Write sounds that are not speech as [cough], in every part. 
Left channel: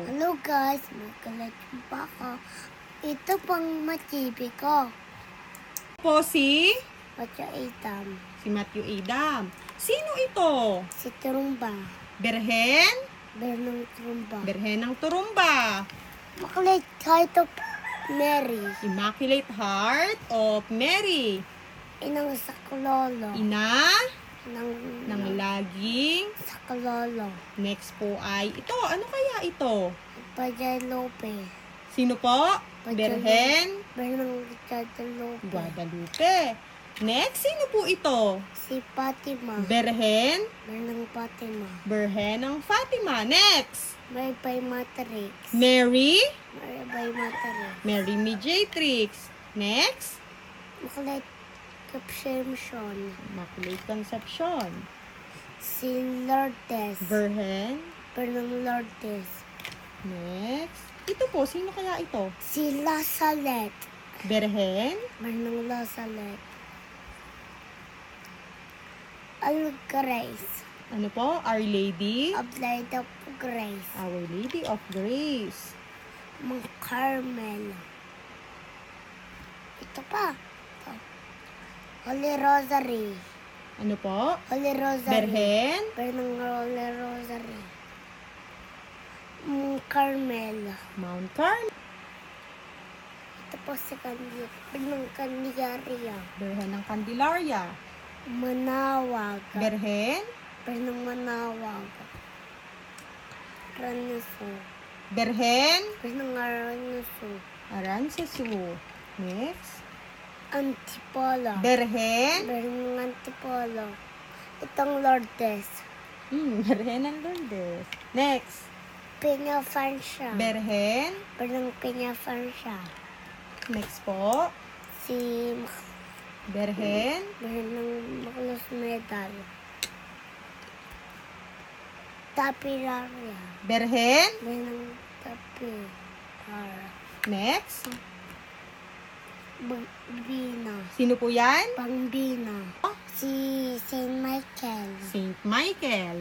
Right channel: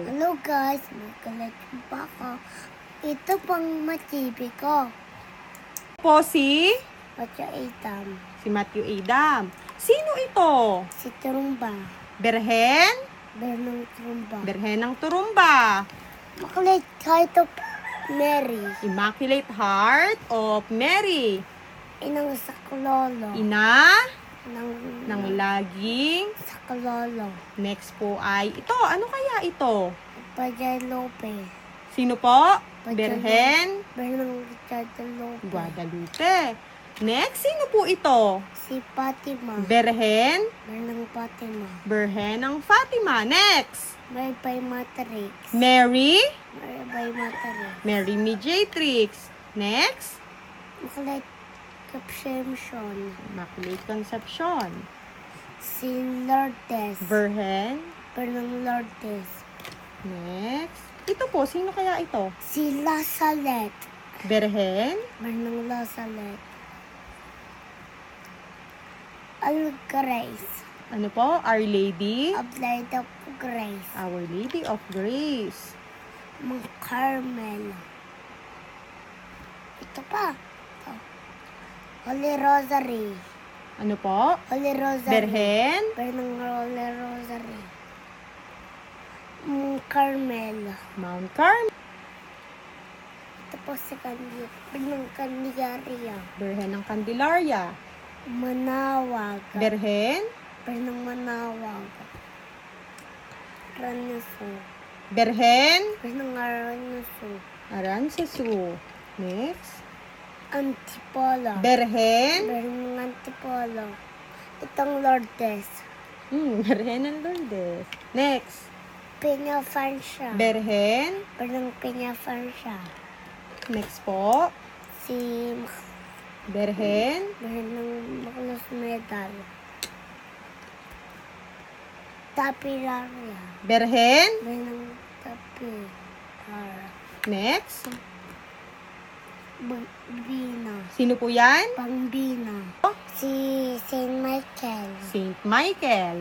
Hello guys, magkalaki pa ako. Ito pang matibi ko. Po si, Patya itam. si Matthew Adam. Sino ito? Si Trumba. Berhen? Bernong Trumba. Berhen ng Turumba. Makulit kahit of Mary. Immaculate Heart of Mary. Inang sa kulolo. Ina Nang, ng laging. sa kulolo. Next po ay ito. Ano kaya ito? Lope. Sino po? Berhen Bernong Patya Lope. Guadalupe. Next, sino po ito? Si Fatima. Berhen Bernong Fatima. Berhen ng Fatima. Next, Bye bye Matrix. Mary Bye bye Matrix. Mary Mediatrix. Next, Makulit Caption. Immaculate Conception. Si Lourdes. Berhen. Bernong Lourdes. Next, ito po, sino kaya ito? Si Lasalet. Berhen. Bernong Lasalet. Al Grace. Ano po? Our Lady. Applied of Grace. Our Lady of Grace. Mang Carmel. Ito pa. Ito. Holy Rosary. Ano po? Holy Rosary. Berhen. Bernong Holy Rosary. Mang Carmel. Mount Carmel. Ito po si Candy. Bernong Candiaria. Berhen ng Candelaria. Manawag. Berhen. Bernong Manawag. Ranaso. Berhen. Bernong Ranaso. Arancesu. Next. Antipolo. Berhen. Bernong Antipolo. Itong Lourdes. Hmm, [laughs] Berhen ng Lourdes. Next. Peña Francia. Berhen. Bernong Peña Francia. Next po. Si Berhen. Bernong Maculos Medal. Tapilaria. Berhen. Bernong Tapilar. Next. Bambina. Sino po yan? Bambina. Si Saint Michael. Saint Michael.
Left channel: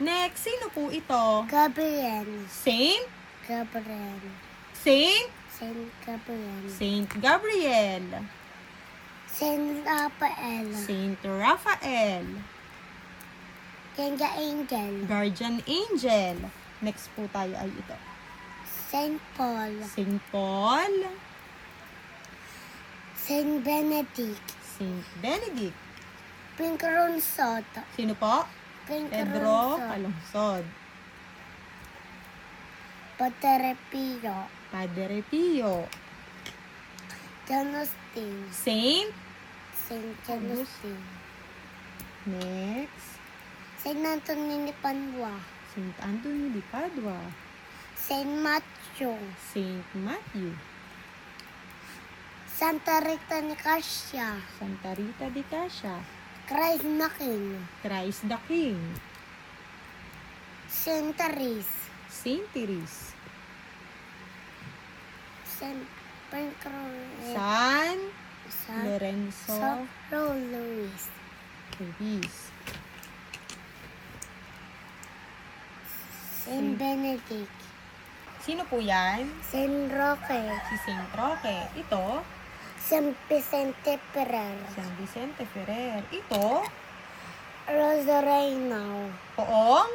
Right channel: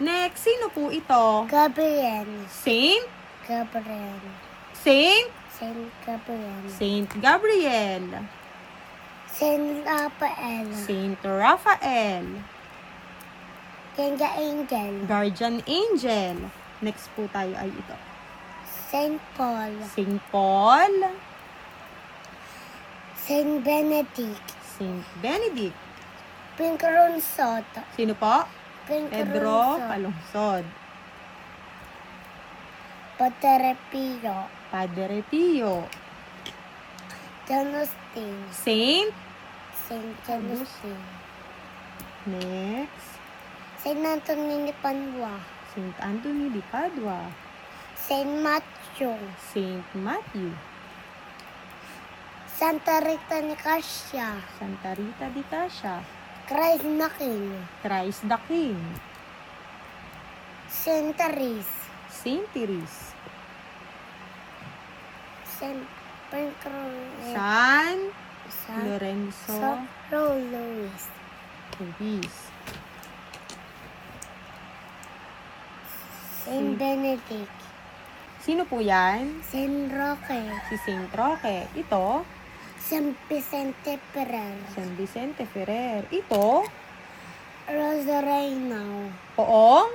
Next, sino po ito? Gabriel. Saint? Gabriel. Saint? Saint Gabriel. Saint Gabriel. Saint Raphael. Saint Raphael. Saint Angel. Guardian Angel. Next po tayo ay ito. Saint Paul. Saint Paul. Saint Benedict. Saint Benedict. Pinkronsot. Sino po? Pedro. Calungsod. Padre Pio. Padre Pio. Janustin. Saint. Saint Janustin. Next. Saint Anthony ni Panwa. Saint Anthony de Padua. Saint Matthew. Saint Matthew. Santa Rita ni Cassia. Santa Rita de Cassia. Christ na King. Christ the King. Saint Therese. Saint Therese. Saint Pancras. San San Lorenzo Sopro Luis. Ruiz. Saint. Benedict. Sino po yan? Saint Roque. Si Saint Roque. Ito, Saint Vicente Ferrer. San Vicente Ferrer. Ito, Rosareno. Poong.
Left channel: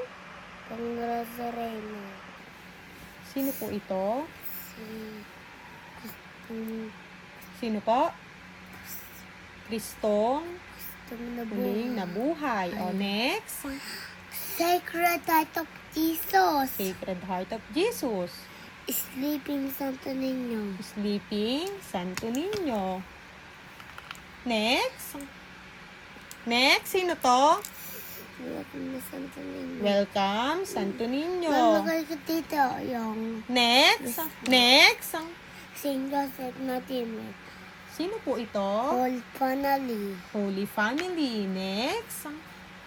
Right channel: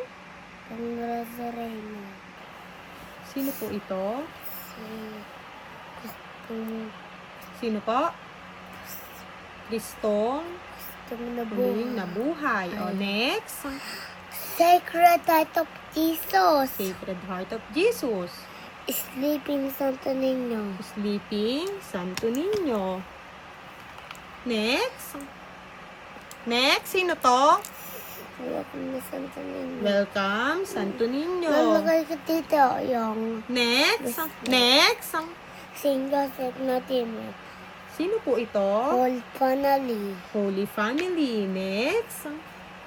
Kung Rosareno. Sino po ito? Si... Sino po? Kristong Kung Muling nabuhay. nabuhay. O, next. Sacred Heart of Jesus. Sacred Heart of Jesus. Sleeping Santo Niño. Sleeping Santo Niño. Next. Next, sino to? Welcome Santo Niño. Welcome, Santo Niño. Lalagay ko dito yung Next. Next. Saint Joseph na Timur. Sino po ito? Old Family. Holy Family. Next.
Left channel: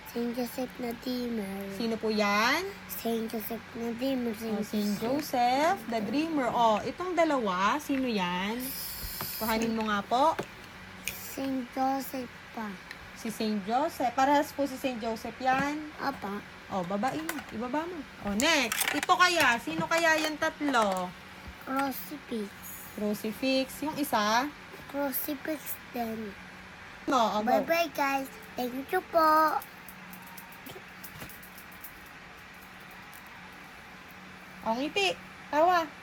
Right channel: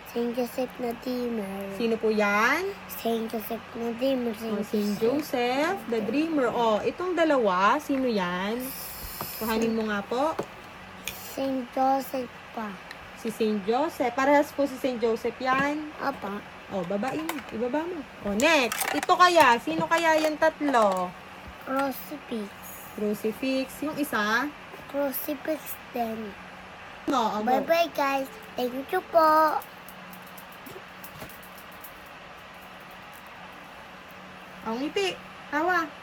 Saint Joseph na Timur. Sino po yan? Saint Joseph na Timur. Oh, Saint Joseph, the Dreamer. Oh, itong dalawa, sino yan? Kuhanin mo nga po. Saint Joseph pa. Si Saint Joseph. Parehas po si Saint Joseph yan. Apa. Oh, babain. Ibaba mo. Oh, next. Ito kaya. Sino kaya yung tatlo? Crucifix. Crucifix. Yung isa? Crucifix din. No, oh, Bye bye guys. Thank you po. Oh, ngiti. Tawa.